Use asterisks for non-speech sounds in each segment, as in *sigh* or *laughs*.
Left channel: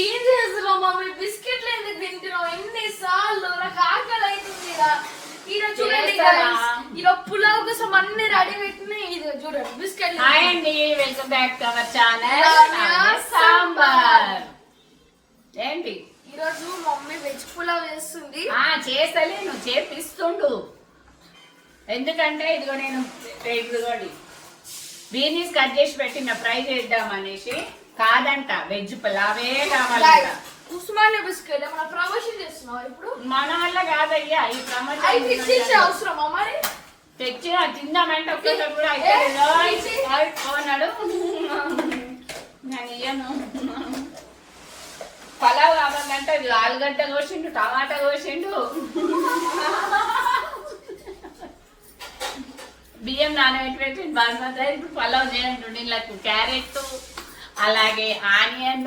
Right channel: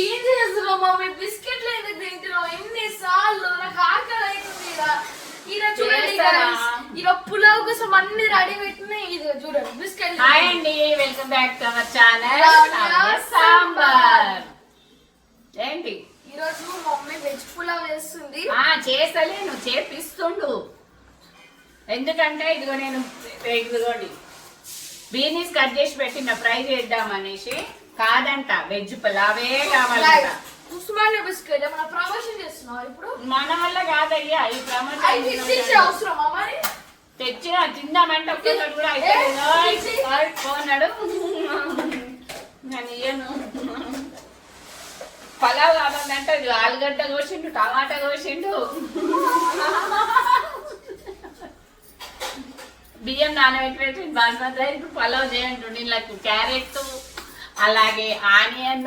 ఏం చేస్తున్నావు మమ్మీ? బిస్కెట్లు ఎందుకు తింటున్నావు? ఎన్నిసార్లు? నాకు ఆకలి అవుతుంది. ఈడ. చూడండి. ఈడ పులావ్ కోసం అన్ని రెడీ పెట్టినాయి ఇది చూడండి. బిస్కెట్ హాయ్ అండి welcome back to our channel. Sambar. ఏంటి? ఈ రోజు మమ్మీ వెజ్ పులావ్ వేస్తుంది ఆ చేస్తలే నువ్వు చేపిస్తుండు. ఎందుకంటే ఇదిగో నేను ఇదిగోండి. బీనీస్ కట్ చేసి పెట్టిన ఫ్రై చేద్దాం అనేసి. కాదంట వెజ్ పులావే కావాలంట. ఉస్మానియా బిస్కెట్ ఏమైనా ప్రమోషన్ చేస్తున్నావు ఇప్పుడు? మన వల్ల కాదయ్యా ఈ ప్రమోషన్ అవసరమా మరి? తెచ్చి తిందామంటే ఒక్కసారి కూడా అయితే పోనాడు. నేను ఇయ్యను. పలావ్ కావాలంటే ఆలుగడ్డ కోసిండు టమాటా కోసిండు. బియ్యం నానబెట్టి పెట్టి బాస్మతి ఇప్పుడు పలావ్ చేయండి ఇలా క్యారెట్ అలాగే ఆనియన్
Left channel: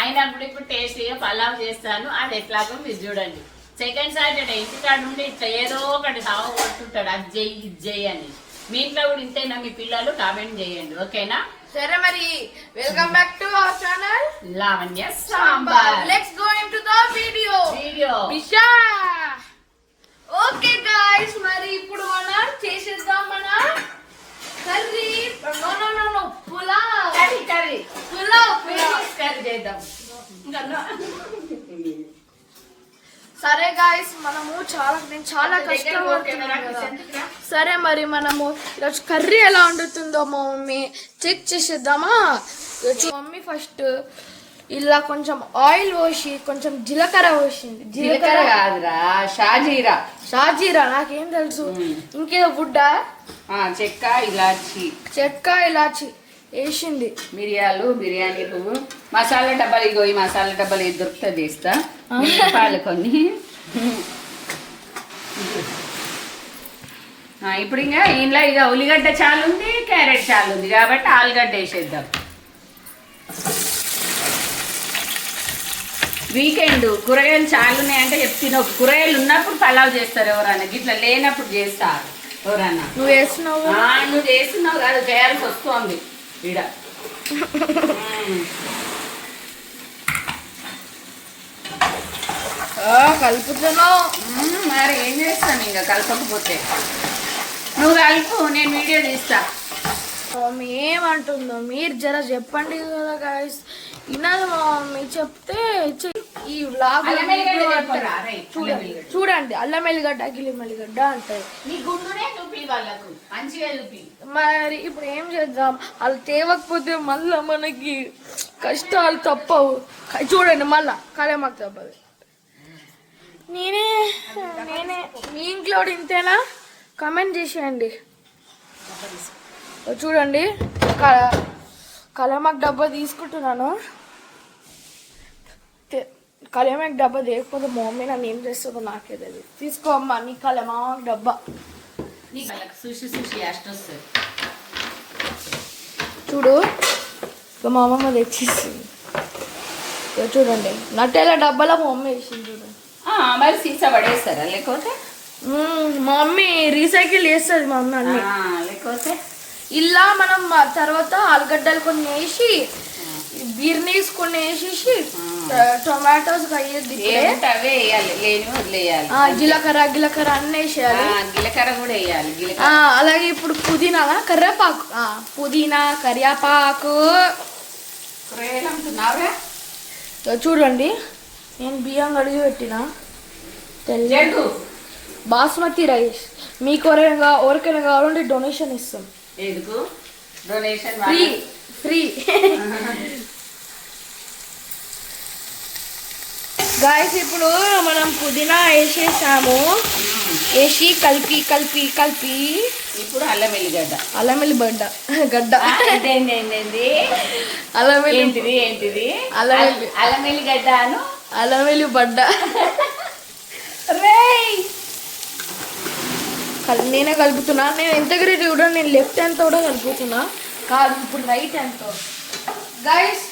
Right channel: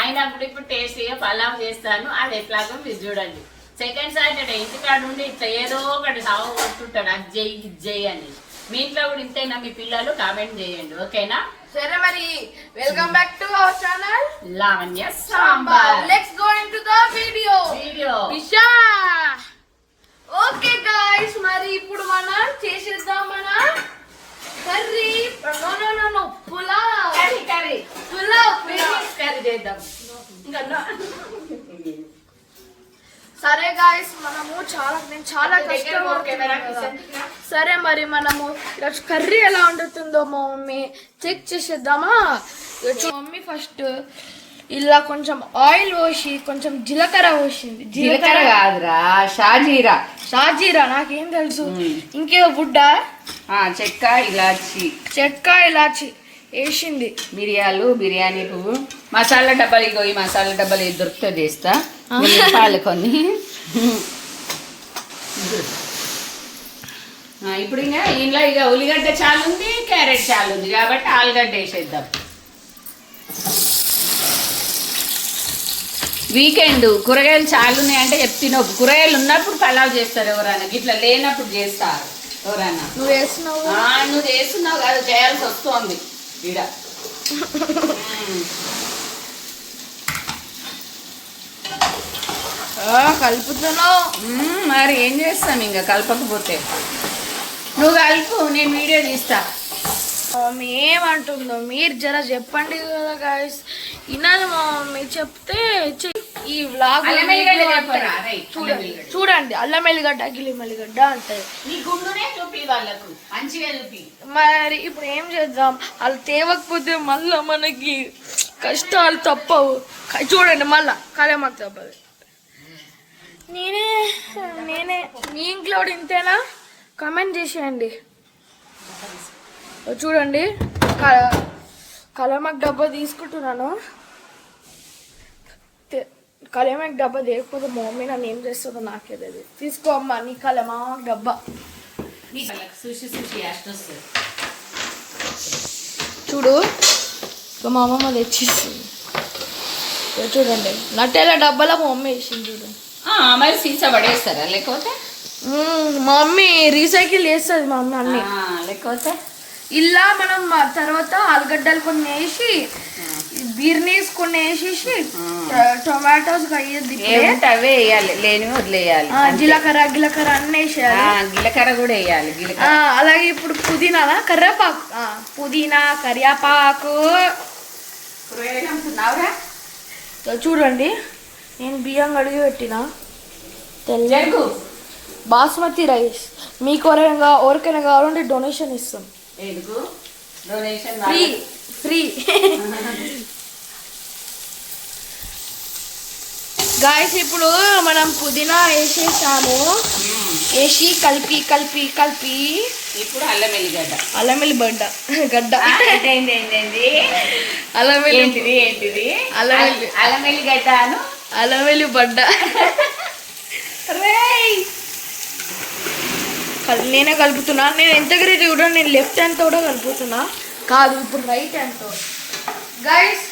అయినా కూడా ఇప్పుడు టేస్టీగా పలావ్ చేస్తాను. అది ఎట్లాగో మీరు చూడండి. సెకండ్ సాటర్డే ఇంటికాడ ఉండి ఇట్లా ఏదో ఒకటి సవ కొట్టుంటాడు అది చెయ్యి ఇది చెయ్యి అని మీ ఇంట్లో కూడా ఇంతేనా? మీ పిల్లలు కామెంట్ చేయండి. ఓకేనా? సరే మరి welcome back to our channel Lavanya Sambar. Let's go into the video video okay guys మరి ఇప్పుడు మనం చేసేద్దాం మన. Curry? No no no no pulao. Curry curry. Pulao curry చేద్దాం. సరే గాయ్స్ మనము చాలా నేను చాలా కష్టపడుతున్నాను. సరే మరి మనము ఈరోజు కర్రీ ఎలా వండుతుందో మా మమ్మీ చెక్ చేసేద్దామా? మమ్మీ ఫస్ట్ ఇలా కొంచెం ఆయిల్ పోసి కొంచెం జీలకర్ర పోసింది. జీలకర్ర కాదురా షాజీరా. షాజీరా నాకేం తెలుసు. ఇంకేదో బుడ్డ? చెక్క ఇలాచి. చెక్క ఇలాచి వేసింది. మిరియాలు బిర్యానీ పువ్వు. మసాలా డబ్బాలు ఇగో ఈ మసాలా డబ్బాలు ఇది దొరికితే చేస్తా మసాలు కొన్ని. ఇప్పుడు ఇంకా ఇంట్లో ఇక ఉల్లిగడ్డ చాలు ఉంది క్యారెట్ చాలు ఉంది కాబట్టి ఆలుగడ్డ వేసేద్దాం. వీకెండ్ కూరగాయలు చాలు ఉన్నాయంటే చెప్తున్నా కూరగాయలు ఉన్నప్పుడు పలావ్ చేస్తారు ఎవరైనా. గిట్లా లేనప్పుడు చేస్తారు ఎవరన్నా నువ్వు ఆ, నువ్వు చేస్తున్నావు కాదు చేయాల్సి వస్తోంది ఆ, కలుపుతున్నావు. మరి ఏం చేస్తాను ఇంకా? కలపకపోతే. నువ్వు కలుపు నేను వీడియో తీస్తా. మమ్మీ ఏమంటుందో మీరు జర చెప్పండి కదా గాయస్ వినాలి మా మమ్మీ. చెప్తే. ఈ వ్లాగ్ చూడండి. చూడండి అల్లం ఎల్లిగడ్డ గిల్లి ఎల్లిగడ్డ చూపి మరి ఇప్పుడు ఏం చేద్దాం? వాళ్ళు తేవకపోతే మళ్ళా మనకి కష్టాలు తప్పవు. చూడండి మళ్ళా కలేమాకు తప్పదు. నేనే నేనే మీ ఇంట్లో ఇంతేనా? కమెంట్ చేసేయండి. చూడండి క- కలేమాకు డబ్బా తీసుకుంటున్నాను. కలేమాకు డబ్బా లేకపోతే మా మమ్మీ నన్ను ఏం చేస్తుందో నాకే తెలియదు తీసుకో అమ్మా నీ కలేమాకు డబ్బా చూడు ఇక మా అమ్మమ్మ తెచ్చిస్తుంది ఇక చూడండి నట్టేల డబ్బాలో మా మమ్మీ వేసింది చూడు మరి సీసా పడేస్తారా లేకపోతే మా మమ్మీ రీసైకిల్ చేస్తుంది మా మమ్మీ అన్ని లేకపోతే ఇలా మనం తర్వాత ఆలుగడ్డలు కొన్ని వేసి బీర్నీస్ కొన్ని వేసేసి టొమాటోస్ అయ్యేది ఇప్పుడే ఏముంటే అవే వేయాలి లేని వదిలేయాలి ఆ, జీలకర్ర గిలకర్ర అన్నీ వేసేయాలి. ఆ, జీలకర్ర కూడా వేయాలి అలాగే ఇప్పుడు పుదీనా కరివేపాకు ఆ, పుదీనా కరివేపాకు చూడండి నేను బియ్యం కడిగి పెట్టిన. తెల్ల బాస్మతి రైస్. మీకు ఎవరైనా ఎవరికైనా కావాలంటే డొనేషన్ ఇస్తాం. Donation free. ఫ్రీ గాయస్ ఇప్పుడు మనం పుదీనా వేసేసాము. వేసి కలిపి కలిపి కలిపి. ఇప్పుడు అల్లం ఎల్లిగడ్డ. అల్లం బడ్డ గడ్డ. ఏంది? అల్లం వెల్లి ఏంటిది అల్లం వెల్లి- అల్లం ఎల్లిగడ్డను? అల్లం వెల్లి బడ్డ రేయ్! కల్- నేనే కలుపుతున్నా. నేను ఎంత గ్రేట్ కూడా నేను లెఫ్ట్ హ్యాండ్తో కూడా కలుపుతున్నా. కాదు ఇప్పుడు రైట్ హ్యాండ్తో గైస్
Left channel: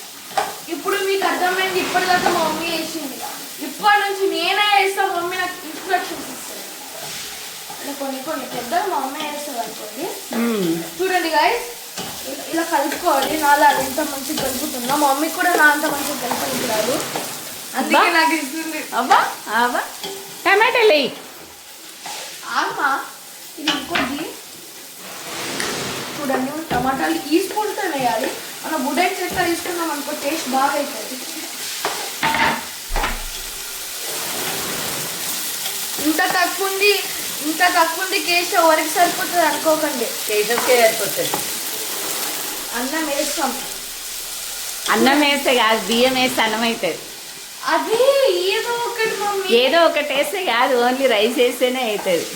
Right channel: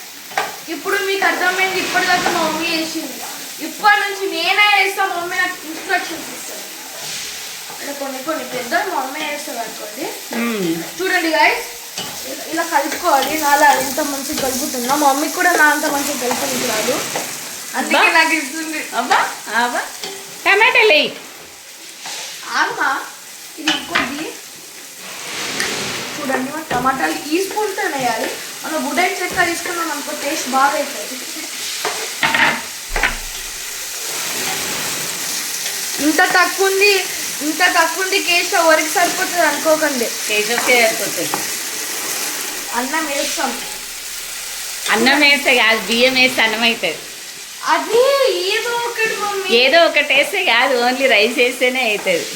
ఇప్పుడు మీకు అర్థమైంది ఇప్పటిదాకా మా మమ్మీ చేసింది. ఇప్పటి నుంచి నేనే చేస్తా మా మమ్మీ నాకు ఇన్స్ట్రక్షన్స్ ఇస్తుంది ఇలా కొన్ని కొన్ని పెద్ద మా మమ్మీ చేస్తుంది అనుకోండి. చూడండి గాయస్ ఇలా కలుపుకోవాలి. నాలా ఎంత మంచిగా కలుపుతున్నా మా మమ్మీకి కూడా నా అంత మంచిగా కలుపుతుంది రాదు అందుకే నాకు ఇస్తుంది అబ్బా అబ్బా. టమాటాలు వేయి ఆగమా ఇది ఇంకోటి. చూడండి మనం టమాటాలు ఈ స్పూన్తో వేయాలి. మన వుడెన్ చెక్క తీసుకున్నాం అనుకో టేస్ట్ బాగా అవుతుంది ఇంత తక్కువ ఉంది ఇంత తక్కువ ఉంది కేసు ఎవరికి సరిపోతుంది అనుకోకండి. కేజీకే సరిపోతుంది. అన్నం వేస్తాం. అన్నం వేస్తే కాదు బియ్యం వేస్తే అన్నం అవుతుంది అది ఏదో ఒకటి ఏదో ఒకటి వేస్తే కాదు ఓన్లీ రైస్ వేస్తేనే అవుతుంది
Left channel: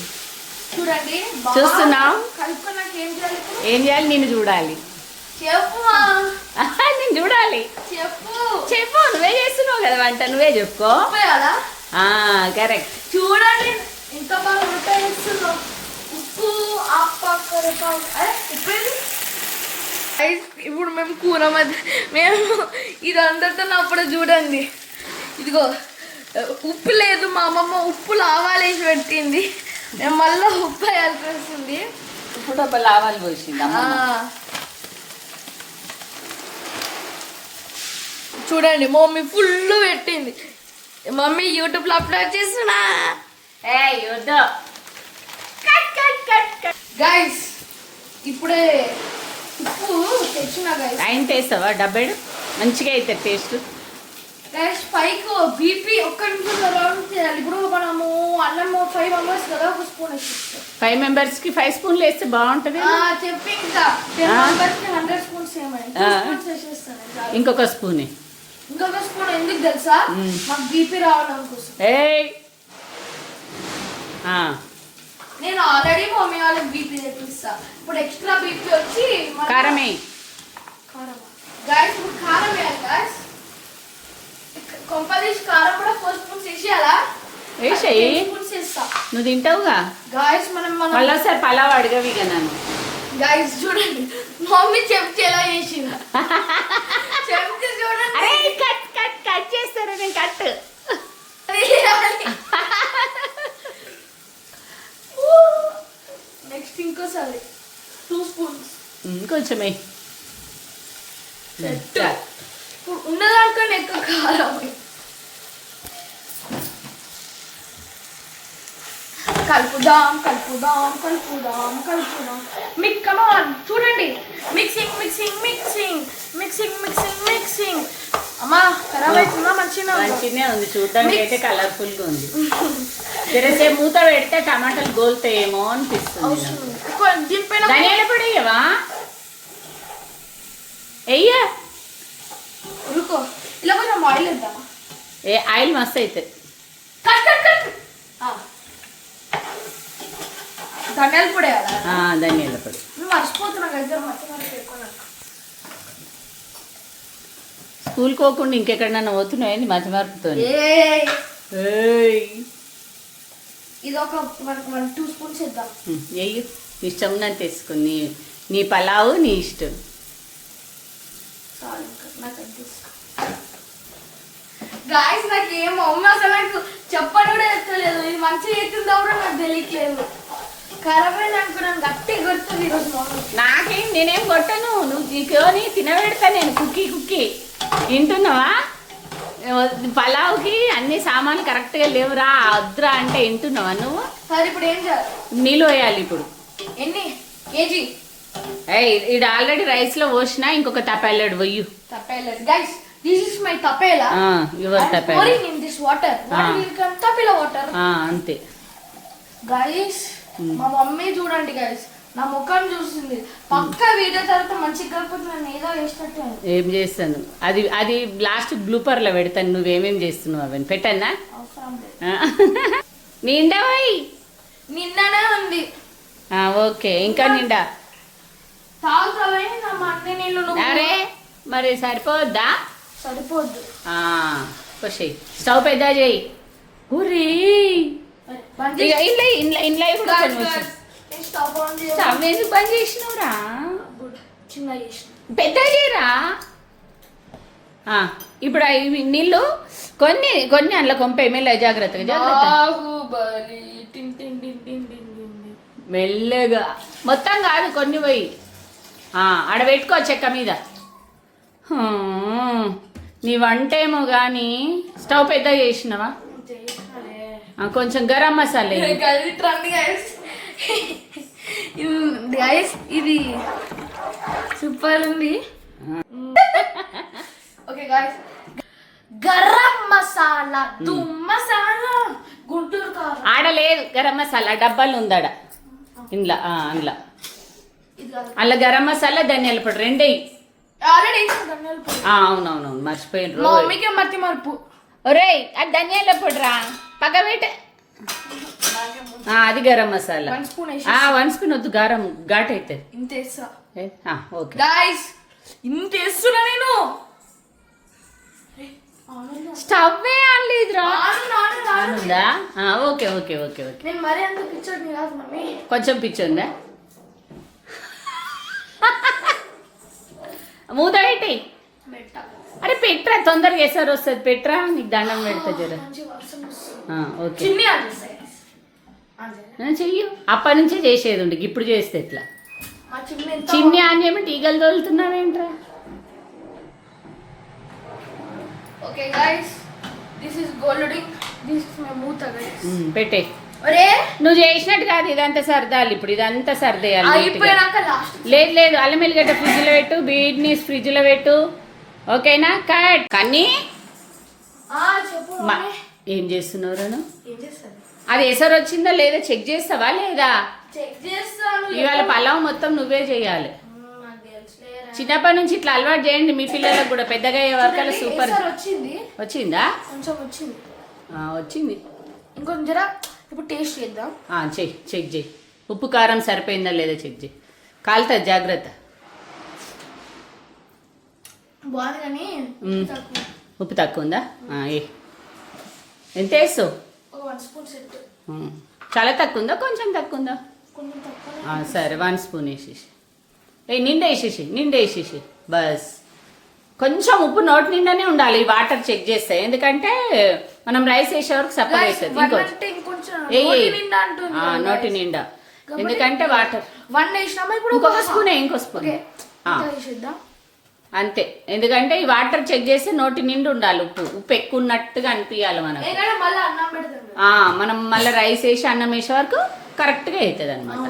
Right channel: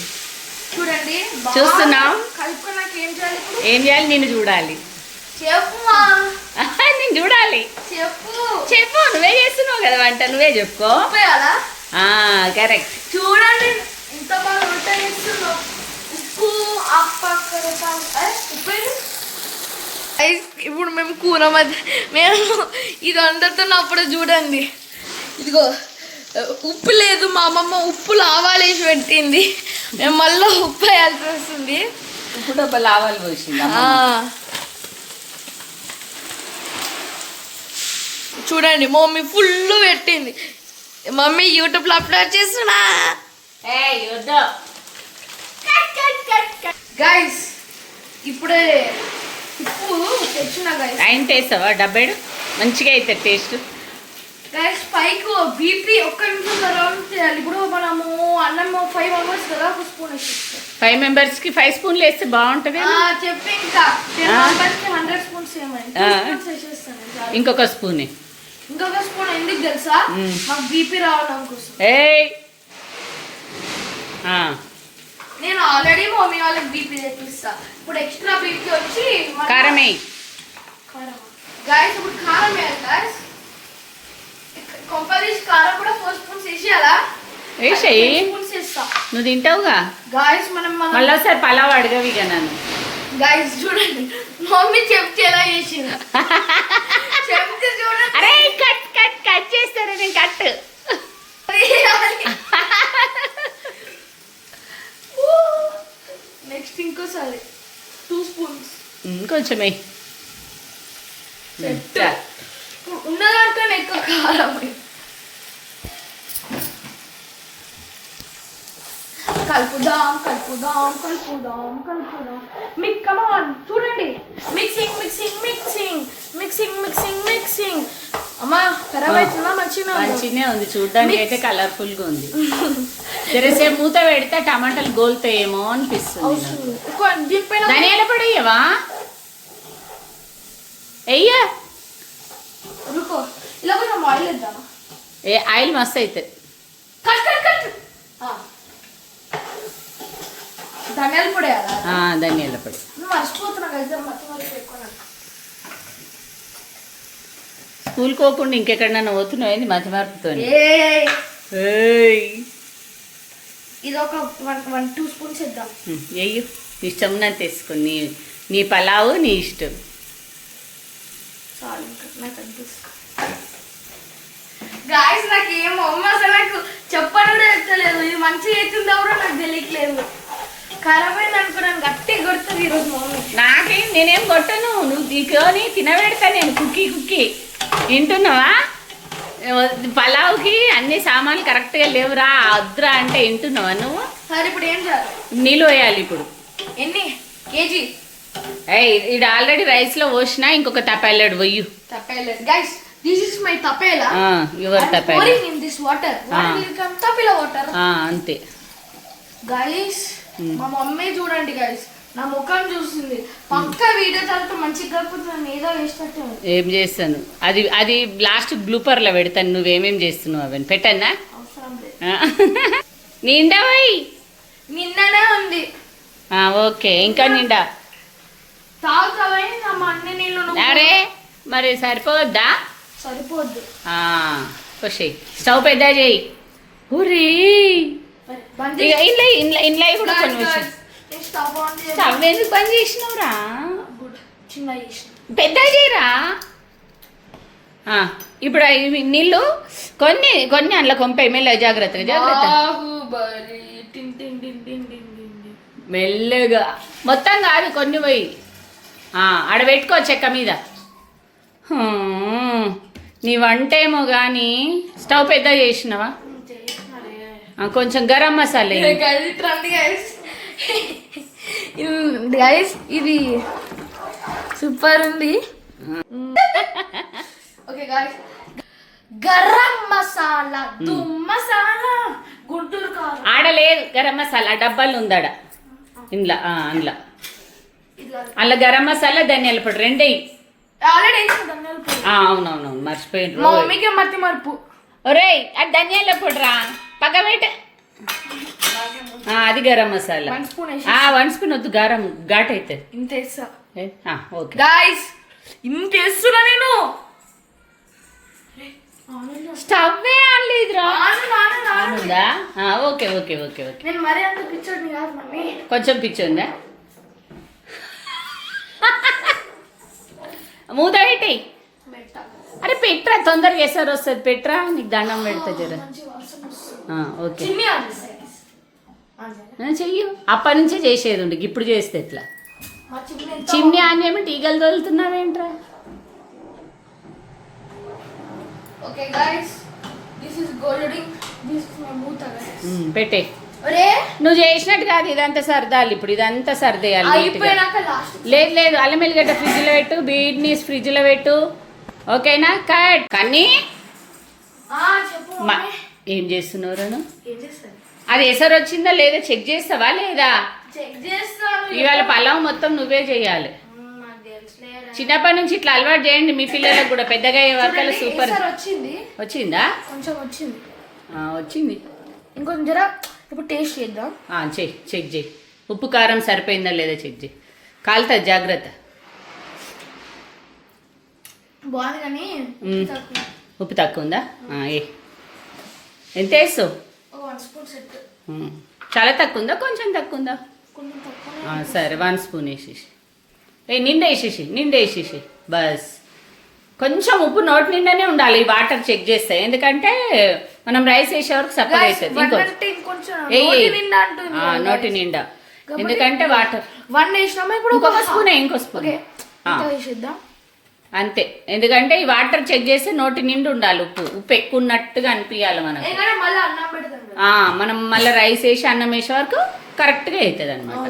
చూడండి చూస్తున్నాం. కలుపుకున్నాక ఏం చేయాలి ఇప్పుడు? ఏం చేయాలి? నేను చూడాలి. నేను చూడాలి. చెప్పు. చెప్పు నువ్వే చేస్తున్నావు కదా వంట నువ్వే చెప్పుకో. కరెక్ట్. చూడండి ఇంత బాగా వంట చేస్తున్నావు. ఉప్పు అప్ప ఇప్పుడు మేము కూర మధ్య మేము ఇది అందరితో అప్పుడు చూడండి. ఇదిగో ఉప్పు లేదు మా అమ్మమ్మ ఉప్పు లావాలేసి పెట్టింది. మేము మళ్ళీ ఉప్పు వేయాల్సి వస్తుంది. ఇప్పుడు ఒక లావాలు పోసింది. చూడండి మమ్మీ ఫుల్ పెట్టింది. మమ్మీ యూట్యూబ్లో అప్లోడ్ చేస్తున్నా. గైస్ ఇప్పుడే ఉప్పు తెచ్చిన గైస్ ఆయన వేస్తావా డబ్బేడు? మంచిగా అవుతుంది టేస్ట్ గైస్ పైకి బీపీ ఒక్క నిమిషం రౌండ్ చేయాలి. ఇప్పుడు మనము అన్నం ఫైవ్ మెంబర్స్ కదా ఒక స్పూన్ వేసిస్తాం ఫైవ్ మెంబర్స్కి ఫైవ్ స్పూన్లు వేస్తే బాగుంటది చెప్పి ఇంకా. టెన్ ఆ. మెంబర్స్కి హండ్రెడ్ స్పూన్స్ వేసేస్తాను. ఇంకొక స్పూన్ ఇంకొక స్పూన్ ఎందుకు తెలుసా. మాకు బీపీ రావడం కోసం. ఏయ్! నేను ఆల్రెడీ మమ్మీ వాళ్ళకి బీపీ తెప్పిస్తా. ఇప్పుడు ఎక్స్ట్రా బీపీ వచ్చి మన- కారం కారమా? గాయస్ ఇప్పుడు కారం వేయాలి గాయస్ కొంపదీసి కారం కూడా ఫోర్ స్పూన్స్ వేసేయాలా వేసేయి స్పూన్స్ వేస్తా నువ్వు తింటావుగా? గాయస్ మనం మళ్ళీ ఒకసారి పలావ్ అడగవి ఇక నన్ను. గాయస్ చూడండి. మమ్మీ చెప్తే ఎలా చేసింది? చెప్తే చూడండి. అరే కట్ కట్ కట్ చేస్తారు? నేను కట్ నెక్స్ట్ *laughs* ఇంకోసారి. టూ స్పూన్స్ కొంచెం వేయి ఉన్నదానికన్నా ఎక్కువ కారం కలుపుదాం కలుపుదాం కలుపుదాం కలుపుదాం. మిక్ కమాన్ చూడండి. Mixing mixing mixing. Mixing mixing mixing. అమ్మా ఖరాబ్ అవుతుందా మంచిగా మంచిగానే ఉంది. చూడడానికి అయితే కలర్ఫుల్గా ఉంది. *laughs* జరసేపు మూత పెడితే టమాటాలు గోలుతాయేమో అనిపిస్తుంది. దీనిపైన ధనియాల పొడి వేయవా వెయ్యా ఇలా కొంచెం ఆయిల్ వేద్దామా? ఏ ఆయిల్ మస్తు అవుతుంది కట్ కట్ కట్. ఆ. ధనియాల పొడి ధనియాల పొడి. మర్చిపోతున్నా కదా మధ్య మధ్య స్కూల్ పోకుండా ఇంకెక్కడన్నా ఏంది మతి మార్పుతో ఇది ఒక వన్ టూ స్పూన్స్ ఇద్దాం వెయ్యి ఇష్టం ఉన్నంత వేసుకో. నీ నీ పలావు నీ ఇష్టం. చాలు నాకు అనిపిస్తుంది గాయస్ నాకు ఏం అమ్మ అసలు నాకు చెప్పడం కూడా ఎత్తలేదు. ఇది మంచిగా అవుతుందో కూడా నాకు తెలియట్లేదు. ఖరాబ్ అయింది అనుకున్నాను. గట్టి గుర్తుంది ఈరోజు నాకేం నేనేం కొట్టను. నువ్వు తీసుకొని తినబెడతా నేను కుక్కీ కుక్కీ. వింటున్నావా? పలావుకి అన్ని సామాన్లు కరెక్ట్గా లేవురా వద్దురా అంటే వింటున్నావా నువ్వు? సరే ఇప్పుడు ఏం చేయాలి? నీళ్ళు వేయాలి ఇప్పుడు. ఎన్ని? కేజీ? ఏయ్ ఇది ఆల్రెడీ రైస్లో పోసినా ఇంకొక తప్పెళ్ళాడు వెయ్యి తప్పేలేదు గైస్ యువర్ తప్పెళ్ళ ఇన్ దిస్ వాటర్ Ah. తపేలా వాటర్ అంతే. Guys Hmm. మా మమ్మీ చూడండి గైస్ నా ముఖం చూసింది. పక్క వీడియో తర్వాత మంచిగా కాకపోతే నన్ను ఏదో చేసినట్టే ఉంది. ఏం చేస్తాను? అది అది లాస్ట్ బ్లూపర్లో పెడతాను. నువ్వేమేం చేస్తున్నావు అవన్నీ? పెట్టన్నా? నిండా పోయి. నిన్ననే ఉంది. ఓకే. ఇంకా నిండా? తాగుతావని నా అన్ని నీళ్ళు అరే మరి సరిపోవద్దా సరిపోద్దు. వచ్చేయి స్టవ్ పెద్ద చేయి. బంద్ ఇక. ఇంట్లో ఇంట్లో ఇంట్లో కూడా కొన్ని నేను స్టవ్ ఎందుకు బంద్ చేసినవురా? పెద్ద చేయరా? ఇప్పుడు ఇవి నీళ్ళు కొన్ని కొన్ని అందులో కొంపాయి. మెల్ల జాగ్రత్తగా జాగ్రత్త. మెల్లగా. మొత్తం కాదు కొన్ని పోయి. ఆడ పెట్టుకో చెక్క మీద. నీ వంట ఏమో కానీ స్టవ్ పెద్ద చేసినావా? కొంచెం గరం మసాలా. గైస్ ఇది సూపర్ ఉంది. ఓకే గైస్ గరం మసాలా దుమ్ మసాలా గుంటూరు కారం. ఆడ లేదు గరం మసాలా డబ్బాలు ఉందాడ. ఇంట్లో అందులో. అలా గరం మసాలా ధనియాల పొడి రెండే ఆల్రెడీ. అవునవునవును మర్చిపోయిన మా మమ్మీకి మతి మరుపు. ఒరేయ్ అది ధనియాల పొడి రా పక్క పెట్ట. అది గరం మసాలా. వన్ స్పూన్ వద్దు గారం ఘాట్ అవుతుంది ఇంత వేస్తా. ఓకే. గాయస్ ఇంత వేస్తున్నా నేను. స్టవ్ ఆను, నాను. ఉందా ఓకే ఓకే ఓకే ఓకే. కొంచెం పిచ్చి ఉందా *laughs* మూత పెట్టి పెట్ట అరే పెట్రా తొందరగా వేసారు వస్తుంది పెట్రా? నీకు దండం పెడతా జర. ఓకే. చెయ్యు. అప్పటి నుంచే చేసేది ఉండి ఇప్పుడు చేస్తే ఎట్లా? చిన్ని చిన్ని ఆన్యమేంటి ఈగలు తోలుతున్నావేంట్రా? పెట్టే. నువ్వు చేసినట్టు కాదు ఇదంతా సర్దాలి ఇప్పుడు ఇదంతా సర్దేయాలి లేదు లేదు అల్లం ఎల్లిగడ్డ ఫ్రిడ్జ్లో పెట్టు బీడ్నీస్ ఫ్రిడ్జ్లో పెట్టు. ఓకేనా? కట్. కానీ. ఏం చేస్తున్నావు ఏం చేస్తాను? అది ఎసరు వచ్చిందా లేదా? చెక్ చేస్తావా లేదా? ఇవాళ పలావ్ మొత్తం నువ్వే చేయాలి. చిన్నప్పటి నుంచి ఇట్లా అలవాటు చేయండి మీ పిల్లలకు కూడా. పెద్దగా అయ్యే చూడండి, సూపర్. వచ్చింది. వచ్చిందా? కొంచెం వచ్చింది. వచ్చింది. ఇంకొంచెం జర ఇప్పుడు టేస్ట్ చేద్దాం. చెయ్యి చెక్ చేయి. ఉప్పు కారం సరిపోయిందా లేదా చెక్ చేయి. కాలుతుంది జాగ్రత్త బాగుంది కానీ మ్మ్. తక్కువ. ఉప్పు తక్కువ. ఉందా? ఏ. ఎంత వేస్తావు. చాలా తక్కువ ఉందా? కొంచెం తక్కువ ఉందా? సరే వన్ స్పూన్ వేసేసి. ఏ నిండా వేసేసి నిండా వేసేసి. బస్. కొంచెం ఉప్పు నోటి నిండానే ఉండాలి ఈ వాటర్ చెక్ చేస్తే. ఎందుకంటే మనం రైస్ వేసే వరకు సప్పగా అవుతుంది ఇంకో ఇంకొంచెం నోటి. నిండా ఎందుకంటే వాటర్. వన్ వేసినామా ఇప్పుడు? ఇంకొక స్పూనే ఇంకో స్పూన్ ఓకే ఆ. ఇంత వేసేద్దాం అంతే. ఎందుకంటే ఈ వాటర్ చెక్ చేస్తే నోటి నిండు ఉండాలి ఉప్పు. ఉప్పు ఎక్కువ ఉన్నట్టుగా అనిపించాలి మనకు మనం మళ్ళీ రైస్ వేసి అన్నం వేసే వరకు కరెక్ట్గా అవుతుంది అనమాట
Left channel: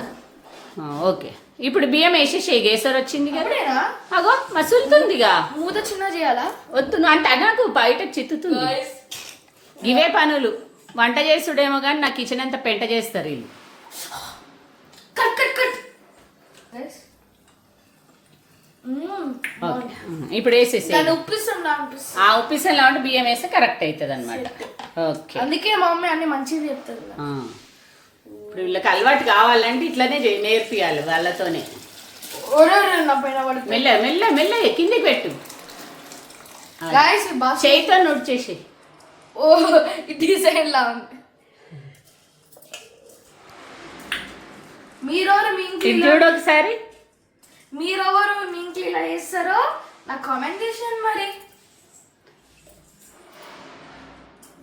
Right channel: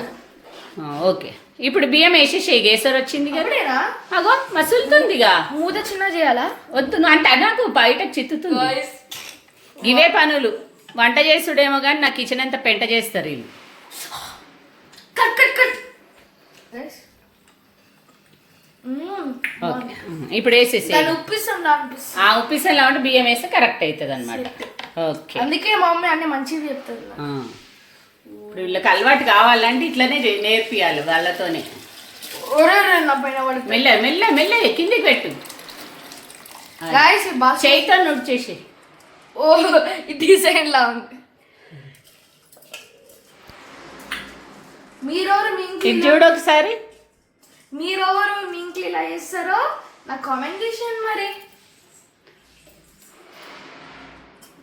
ఓకే. ఇప్పుడు బియ్యం వేసేసి గేసర్ వచ్చింది కదా. అగో మసులుతుందిగా. మూత చిన్న చేయాలా? వద్దు అంటే నాకు బయట చిత్తుతుంది. ఇవే పనులు. వంట చేసుడేమో కానీ నా కిచెన్ అంతా పెంట చేస్తారు వీళ్ళు. Cut cut cut. ఓకే. ఇప్పుడు వేసేసి ఆ ఉప్పిసంలో ఉంటే బియ్యం వేస్తే కరెక్ట్ అవుతుంది అనమాట ఓకే. అందుకే మా మమ్మీ అన్ని మంచివి చెప్తుంది. ఇప్పుడు వీళ్ళకి అలవాటు కావాలంటే ఇట్లనే నేర్పియాలి వాళ్ళతోనే. మెల్ల మెల్ల మెల్ల కిందికి పెట్టు. చేయితో నోట్ చేసి ఓ ఇది సైడ్ లా ఉంది. మీరెవరు మీ ఇంట్లో ఇది చూడు ఒకసారి. మీరెవరు మీ ఇంట్లో ఇలా చేస్తారో? నాకు కామెంట్ చేసేయండి మరి.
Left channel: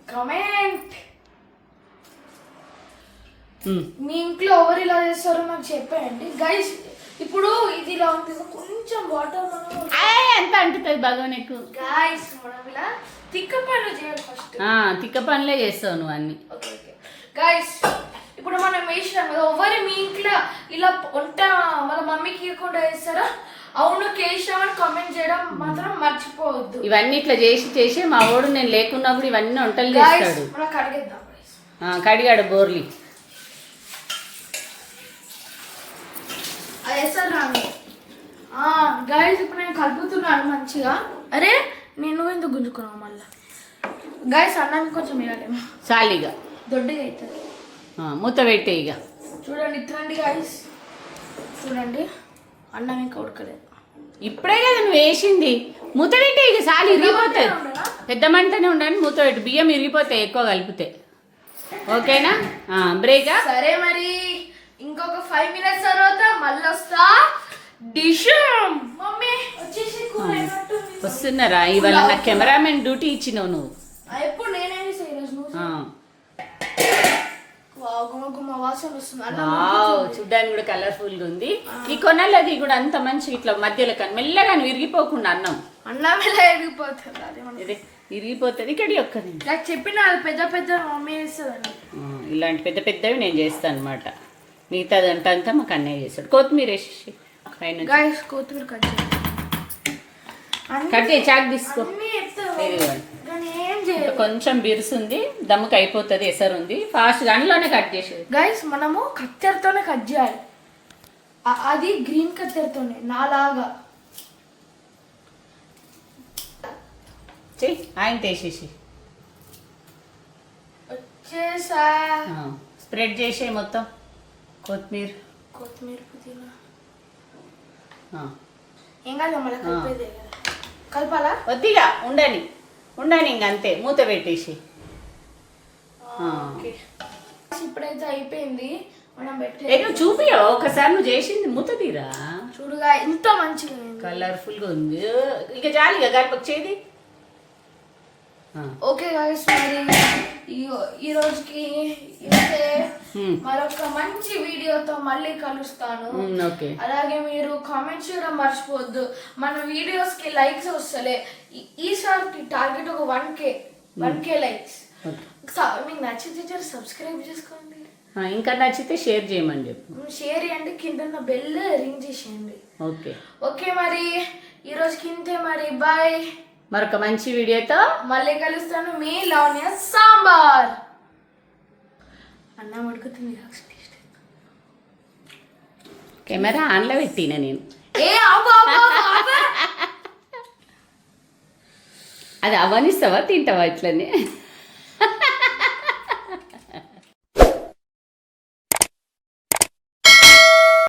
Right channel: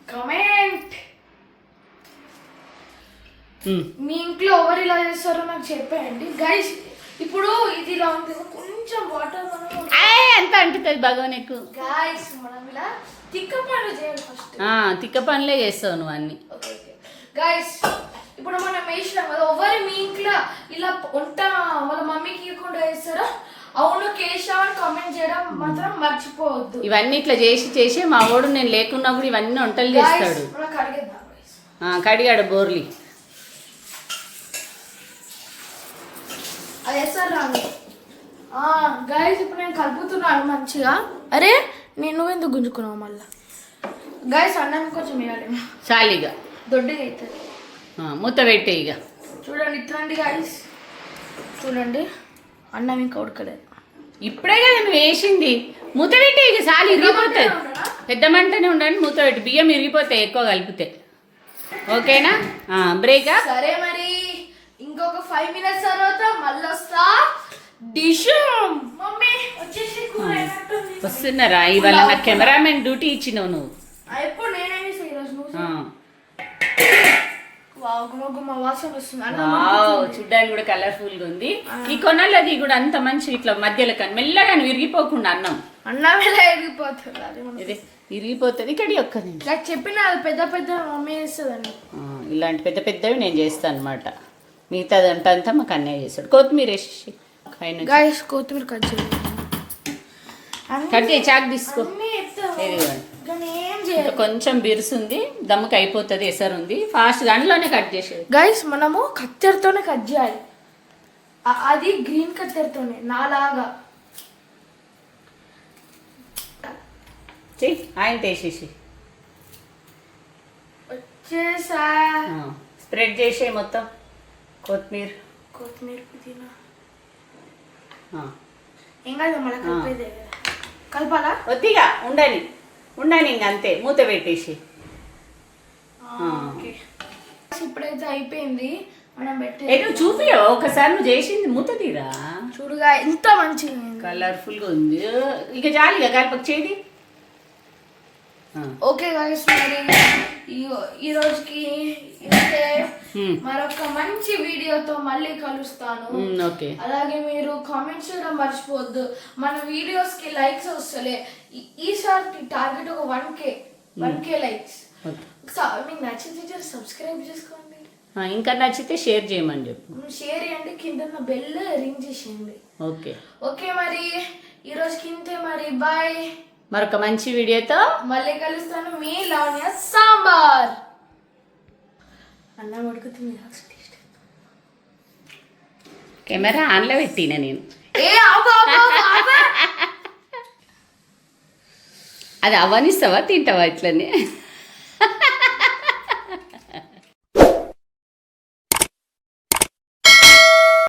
కామెంట్ ఉమ్. మీ ఇంట్లో ఎవరు ఇలా చేస్తారో నాకు చెప్పేయండి. గైస్ ఇప్పుడు ఇది ఇలా ఉంది కదా, కొంచెం వాటర్ మనం అంత అంటుతుంది భగవాన్ ఎక్కువ గాయస్ మనం ఇలా తిక్క పనులు చేయాలి ఫస్ట్ తిక్క పనులే చేస్తావు నువ్వు అన్ని. ఓకే ఓకే గైస్ ఇప్పుడు మనం వేసినాం కదా ఎవరు మీ ఇంట్లో ఇలా వంట మన మమ్మీకి ఇవ్వకుండా వేస్తారా అవును కేశావని కామెంట్ చేయడం మాత్రం మర్చిపోవద్దు. ఇవన్నీ ఇట్లా చేసి చేసి మా వాడు నేను లేకున్నా కూడా ఇవన్నీ వంటలు చేస్తాడు. మనం కడిగేద్దాం guys. ఆ, కడిగాడు బోర్లి. అది వేస్తారు గైస్ ఇప్పుడు నేను కలుపుతున్నాను మంచిగా. అరే నేను ఎందుకు గుంజుకున్నావు మళ్ళీ? గైస్ అన్నానికి కొంచెం వేయాలి. చాలిగా దొడ్డిగా అవుతుంది. మూత పెట్టే ఇక. చూడండి ఇట్లండి గైస్ చూడండి అన్నం ఇంకా ఉడకలేదు. ఇప్పుడే కదా నువ్వు వేసింది. మూత పెట్టే ఇక చాలు ఇరిగిపోతుంది పెద్ద మంటనే ఉండండి మూత పెట్టి. బియ్యం ఇరిగిపోతాయి ఎక్కువ కలిపితే. ఓకేనా? బ్రేకా సరే మరి ఇంకొక ఫైవ్ మినిట్స్ తర్వాత మళ్ళీ వస్తా. డిష్ మమ్మీ వచ్చేసి. వస్తున్నారా? ఇవాళ నా కెమెరామెన్ డ్యూటీ ఇచ్చినావు నువ్వు. ఎప్పుడు నేనే వాసన వస్తుంది. చూడ్డానికి కూడా కలర్ఫుల్గా ఉంది. ఈ కొనలది కూడా అంత మంచి ఇట్లా మధ్యలో కానీ మెల్లగా విరిగిపోకుండా అన్నం. అన్నం ఎలా ఇది ఇరిగిపోతుంది ఇక్కడ ఒక్క నిమిషం. నాకు చెప్పిన పెద్ద పెద్ద మమ్మీ చేస్తుందండి ఇలాంటి పెద్ద పెద్దవి నేను చేస్తాను అనమాట మిగతాది అంతా అంతా మాకు అన్నయ్య చేస్తాడు. కొత్తిమీర వేసి పైన కొత్తిమీర కట్ చేయాలి కట్ చేయి చాక్ తీసుకో. కొంచెం బిరుసుంది దమ్ముకి అయిపోతుంది ఎసరు ఉంది ఫాస్ట్ దాంట్లోనే కట్ చేసేది. గైస్ మనము కత్తెరతోనే కట్ చేయాలి. అది గ్రీన్ కత్తెరతోనే నాలాగా. ఆయన తీసేసి. వచ్చేసా? స్ప్రెడ్ చేసే మొత్తం. కొత్తిమీర. కొత్తిమీర పుదీనా. కాదు మళ్ళీ కలిపేదే. కలపాలా? వద్దిగా ఉండని. ఉండని ఇంక అంతే మూత పెట్టేసి. ఇప్పుడైతే అయిపోయింది. మనం పెట్టి నువ్వు ఒకసారి నువ్వు చేసింది మూత తీరా? చూడుగా ఎంత మంచిగా. కలర్ఫుల్గా ఉంది. ఇక జాలిగా గడపకు చేది ఆ. ఓకే గైస్ మరి ఈ- ఈ రోజుకి. మరొక మంచి వీడియోతో మళ్ళీ కలుస్తాను. ఓకే అలాగే మీరు కామెంట్స్ చేయడం మర్చిపోవద్దు. మన వీడియోస్కి లైక్స్ వస్తలే. ఈ- ఈసారి టార్గెట్ ఒక one K one K likes మీకు నచ్చితే సబ్స్క్రైబ్ చేసుకోండి. ఇంకా నచ్చితే షేర్ చేయమని చెప్పు. షేర్ చేయండి. కింద బెల్ రింగ్ చేసేయండి. ఓకే ఓకే మరి. ఈ రోజుకి ఇంతే మరి. బాయ్ మరొక మంచి వీడియోతో మళ్ళీ కలుస్తాను మీ లావణ్య సాంబార్. అన్నం ఉడుకుతుంది టేస్ట్ కెమెరా ఆన్లో పెట్టిన నేను. అది అవనిస్తావా తింటావా ఇట్లనే?